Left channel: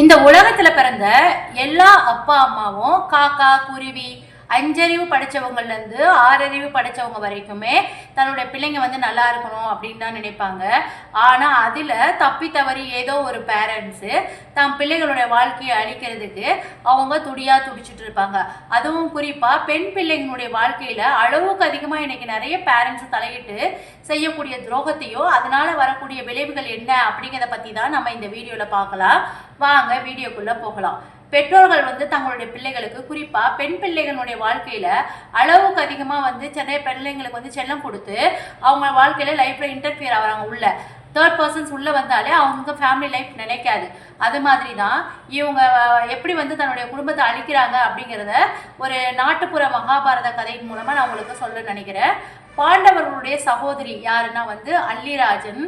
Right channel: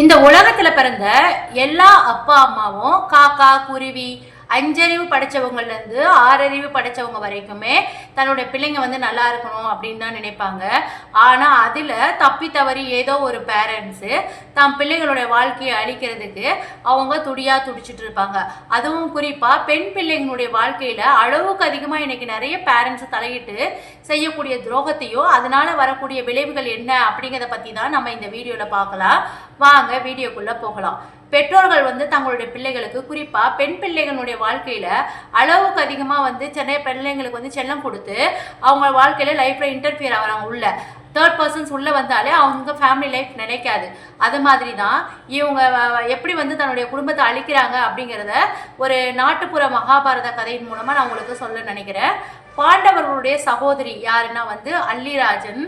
இந்த உலகத்துல பிறந்த எல்லா அப்பா அம்மாவும் காக்கா குருவி அஞ்சறிவு படைச்சவங்கள்ல இருந்து ஆறறிவு படைச்சவங்க வரைக்குமே தன்னுடைய பிள்ளைங்க வந்து நல்லா இருக்கணும் அப்படின்னு தான் நினைப்பாங்க. ஆனா அதுல தப்பி தவறி ஏதோ ஒரு பேரண்ட்ஸு தம் பிள்ளைகளுடைய வாழ்க்கையை அழிக்கிறதுக்கு அவங்க துடியா துடிச்சிட்டு இருப்பாங்க. அதுவும் குறிப்பா பெண் பிள்ளைங்களுடைய வாழ்க்கையில அளவுக்கு அதிகமா இன்னைக்கு நிறைய பேரண்ட்ஸ் தலையிட்டு செய்யக்கூடிய துரோகத்தையும் அதனால வரக்கூடிய விளைவுகள் என்ன அப்படிங்கிறத பத்தி தான் நம்ம இந்த வீடியோல பார்க்கலாம். வாங்க வீடியோக்குள்ள போகலாம். பெற்றோர்கள் வந்து தங்களுடைய பிள்ளைகளுக்கு குறிப்பாக பெண் பிள்ளைகளுடைய வாழ்க்கையில் அளவுக்கு அதிகமாக வந்து சென்னை பிள்ளைங்களுக்கு வந்து செல்லம் கொடுத்து அவங்க வாழ்க்கையில் லைஃப்பில் இன்டர்ஃபியர் ஆகிறாங்க. உள்ள தேர்ட் பர்சன்ஸ் உள்ளே வந்தாலே அவங்க ஃபேமிலி லைஃப் நிலைக்காது. அது மாதிரி தான் இவங்க எப்படி வந்து தன்னுடைய குடும்பத்தை அழிக்கிறாங்க அப்படிங்கிறத ஒரு நாட்டுப்புற மகாபாரத கதையின் மூலமாக நான் உங்களுக்கு சொல்ல நினைக்கிறேன். பாண்டவர்களுடைய சகோதரி யாருன்னா வந்து அல்லிராஜன்.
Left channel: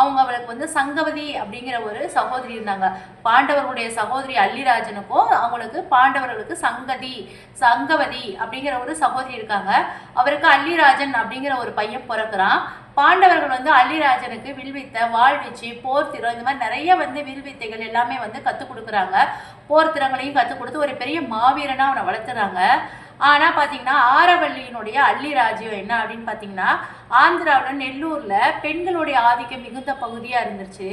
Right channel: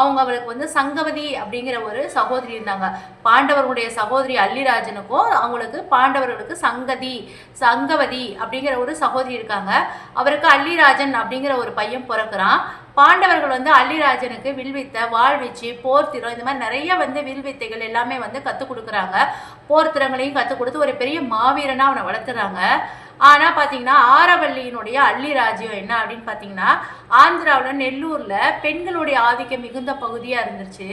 அவங்களுக்கு வந்து சங்கவதி அப்படிங்கிற ஒரு சகோதரி இருந்தாங்க. பாண்டவர்களுடைய சகோதரி அல்லிராஜனுக்கும் அவங்களுக்கு பாண்டவர்களுக்கு சங்கவதி அப்படிங்கிற ஒரு சகோதரி இருக்காங்க. அவருக்கு அல்லிராஜன் அப்படிங்கிற ஒரு பையன் பிறக்கிறான். பாண்டவர்கள் வந்து அல்லிராஜனுக்கு வில்வித்தை, வாழ்வீச்சு, போர்த்திரம் இந்த மாதிரி நிறைய வந்து வில்வித்தைகள் எல்லாமே வந்து கற்றுக் கொடுக்குறாங்க. போர்த்திரங்களையும் கற்றுக் கொடுத்து ஒரு பெரிய மாவீரனாக அவனை வளர்த்துறாங்க. ஆனால் பார்த்தீங்கன்னா ஆரவல்லியினுடைய அல்லிராஜ்யம் என்ன அப்படின்னு பார்த்தீங்கன்னா ஆந்திராவில் நெல்லூரில் பெண்களுடைய ஆதிக்கம் மிகுந்த பகுதியாக இருந்துச்சு.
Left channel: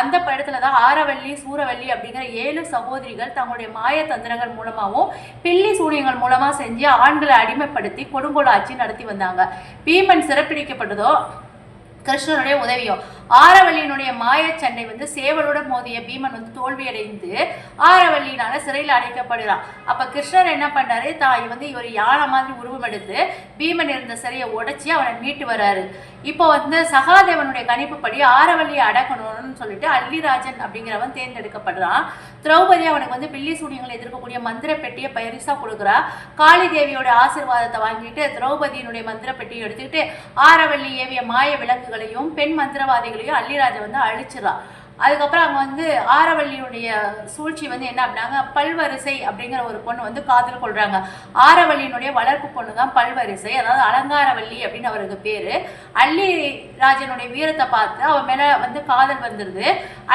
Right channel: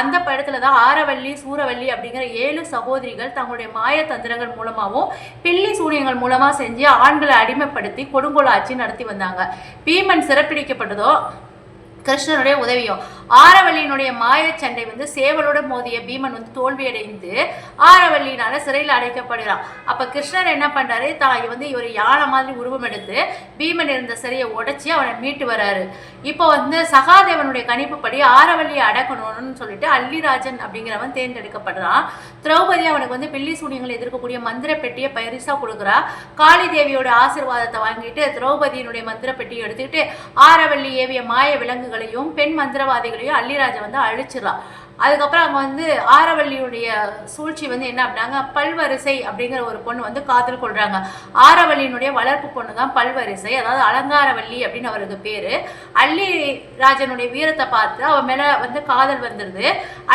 அந்த படத்துல தான் ஆரவல்லி சூரவல்லி அப்படிங்கிற 7 சகோதரிகள் தங்களுடைய மாய தந்திரங்கள் மூலமாகவும் பில்லி சூனியங்கள் மூலமாக செஞ்சு ஆண்களை அடிமைப்படுத்தி கொடுங்கோல் ஆட்சி நடத்தி வந்தாங்க. பீமன் சிறப்பிடிக்கப்பட்டதோ கிருஷ்ணனுடைய உதவியும். ஆரவல்லியினுடைய மாயச்சண்டை வந்து சேவலோட மோதிய பீமன் வந்து தோல்வியடைந்து ஆரவல்லியினால சிறையில் அடைக்கப்படுகிறான். அப்ப கிருஷ்ணர் என்ன பண்றாரு, தாய் வந்து ஒரு யானை மாதிரி உருவம் எடுத்து பீமன் இருந்த சிறையை உடைச்சி அவனை மீட்டு வர்றாரு. இப்போ வந்து சகாதேவனுடைய கணிப்புப்படி ஆரவல்லியை அடக்கணும்னு சொல்லிட்டு அல்லிராஜன் அப்படிங்கிறவன் தேர்ந்தெடுக்கப்படுறான். திரௌபதி அவனுக்கு வந்து பில்லி சூனியங்களை எதிர்க்கக்கூடிய மந்திர பெட்டியை பரிசா கொடுக்குறா. காளி தேவியோட ஆசீர்வாதத்தை வாங்கிட்டு திரௌபதியினுடைய மந்திர பெட்டியை எடுத்துக்கிட்டு ஆரவல்லி ஏவிய மாய விலங்குகளையும் பெண் மந்திரவாதிகள் அல்லிராஜன் வந்து அழிச்சிடலாம். அதுக்கப்புறம் அங்கே வந்து ஆரவல்லியுடைய சூழ்ச்சி வந்து என்ன அப்படின்னாங்க, பல்வரிசை அப்படிங்கிற ஒரு பொண்ணு வந்து காதல் கொள்றாங்க. ஆரவல்லியினுடைய வளர்ப்பு பொண்ணு தான் பல்வரிசை, அதாவது அலங்காரவல்லி அப்படின்னு அவருக்கு பேரு. அல்லிராஜனுடைய வீரத்தை பார்த்து அவன் மேல வந்து காதல் வந்துருது.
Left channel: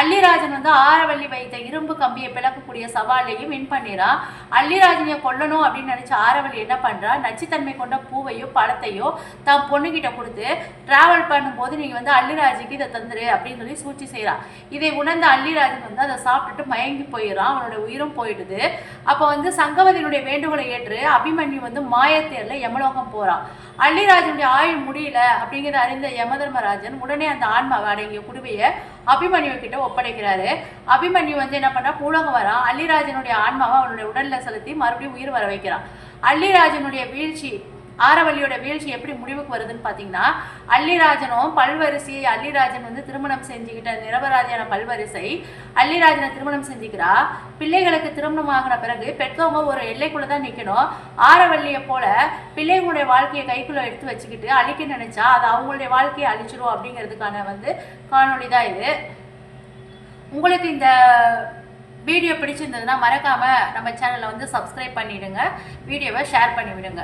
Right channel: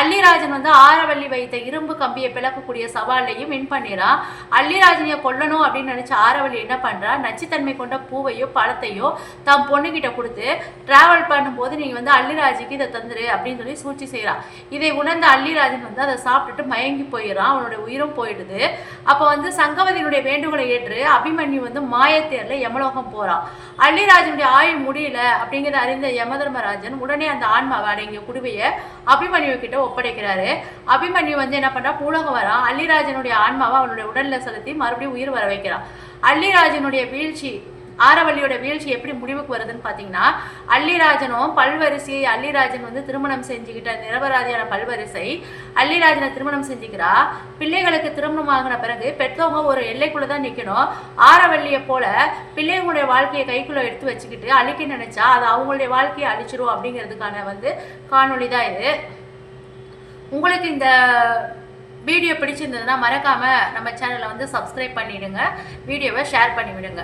அல்லிராஜன் வந்து ஆரவல்லி வைத்த இரும்பு கம்பியை பிளக்கக்கூடிய சவாலையும் வின் பண்ணிடான். அல்லிராஜனை கொல்லணும் அப்படின்னு நினைச்ச ஆரவல்லி என்ன பண்றா, நச்சுத்தன்மை கொண்ட பூவையோ பழத்தையோ தம் பொண்ணுகிட்ட கொடுத்து டிராவல் பண்ணும்போது நீங்க வந்து அல்லிராஜுக்கு இதை தந்துரு அப்படின்னு சொல்லி சூழ்ச்சி செய்யறான். இதை உணர்ந்த அல்லிராஜன் வந்து அதை சாப்பிட்டுட்டு மயங்கி போயிடறான். அவனுடைய உயிரும் போயிடுது. அப்போ வந்து சங்கவதியினுடைய வேண்டுகோளை ஏற்று அபிமன்யு வந்து மாயத்தேர்ல யமலோகம் போறான். அல்லிராஜனுடைய ஆயுள் முடியல அப்படிங்கிறத அறிந்த யமதர்மராஜன் உடனே அந்த ஆன்மாவை அடங்கிய குடுவையை அபிமன்யு கிட்ட ஒப்படைக்கிறாரு. அபிமன்யு வந்து என்ன பண்றா, பூலகம் வரான். அல்லிராஜனுடைய ஆன்மாவை அவனுடைய உடல்ல செலுத்தி மறுபடியும் உயிர் வர வைக்கிறான். அல்லிராஜனுடைய வீழ்ச்சி, ஆரவல்லியோட வீழ்ச்சி எப்படி முடிவுக்கு வருதுன்னு பார்த்தீங்கன்னா, அல்லிராஜனும் பல்வரிசை அல்லிராஜன் வந்து திருமணம் செஞ்சுக்கிட்ட நிரபராதியான பல்வரிசை அல்லிராஜனை திருமணம் செஞ்சுக்கிறா. பிள்ளைகளுக்கு திருமணம் ஆகின பிறகு பெற்றவங்க ஒரு எல்லைக்குள்ள தான் நிற்கணும். ஆரவல்லியை போல பிள்ளைங்களுடைய வாழ்க்கையை கைக்குள்ள எடுத்து வச்சுக்கிட்டு அழிக்க நினைச்சா அது அவங்களுடைய வாழ்க்கையை அழிச்சிரும் அப்படிங்கிறதுக்கான வந்து காணொளி தான் இது. உங்களுக்கு இந்த வீடியோ பிடிச்சிருந்ததுன்னா மறக்காம நம்ம சேனலை வந்து சப்ஸ்கிரைப் பண்ணிடுங்க, வீடியோவை ஷேர் பண்ணி விடுங்க.